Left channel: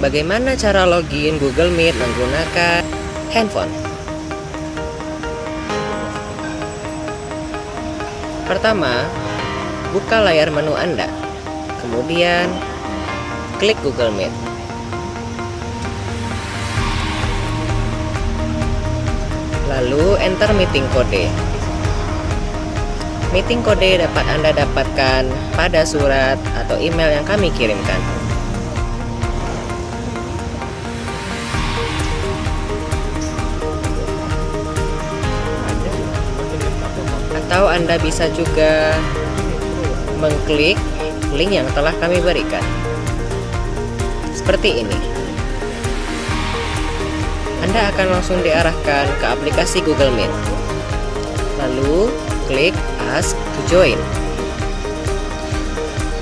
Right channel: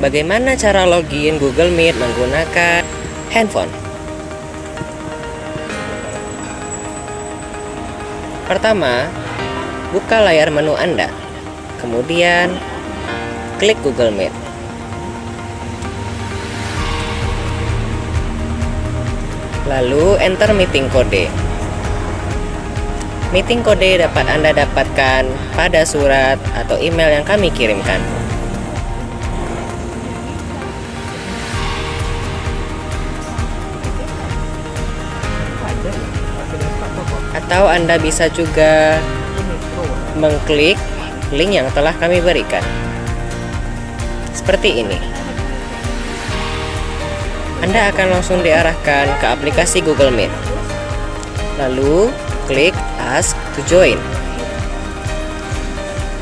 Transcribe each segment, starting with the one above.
Bagaimana cara login Google Meet menggunakan handphone? Pertama, buka layar menu Anda. Kemudian, klik Google Meet. Lalu, enter meeting code. Meeting code dapat Anda dapatkan pada surat atau email yang kami kirimkan. Atau Anda bisa juga mengklik link yang telah kami berikan. Seperti ini. Anda akan langsung diarahkan ke aplikasi Google Meet. Lalu, klik Ask to Join.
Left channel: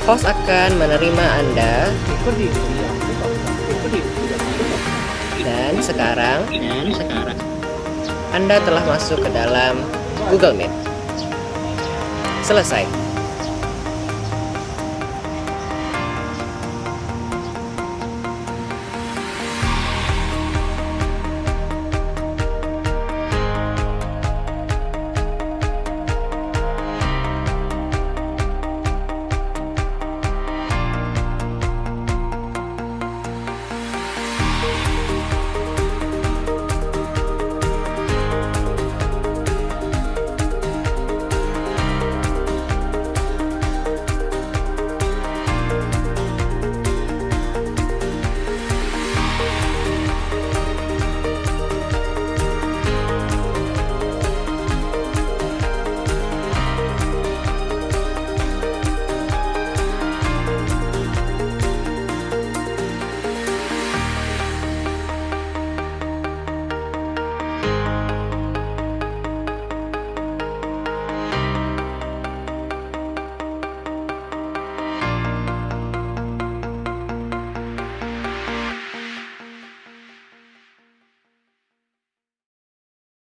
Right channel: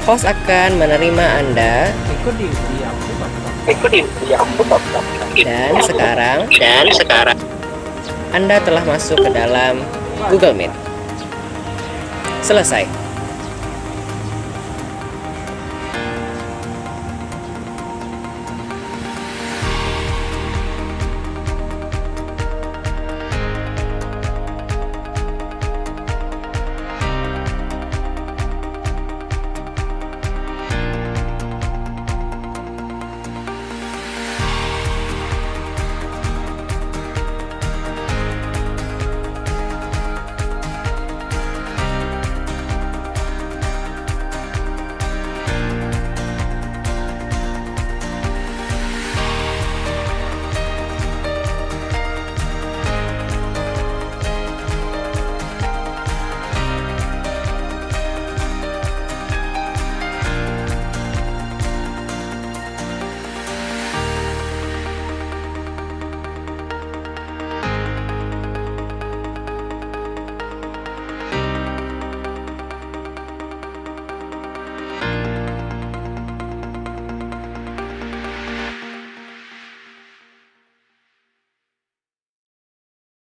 Host akan menerima Anda. Dan sekarang Anda telah masuk ke dalam Google Meet. Selesai.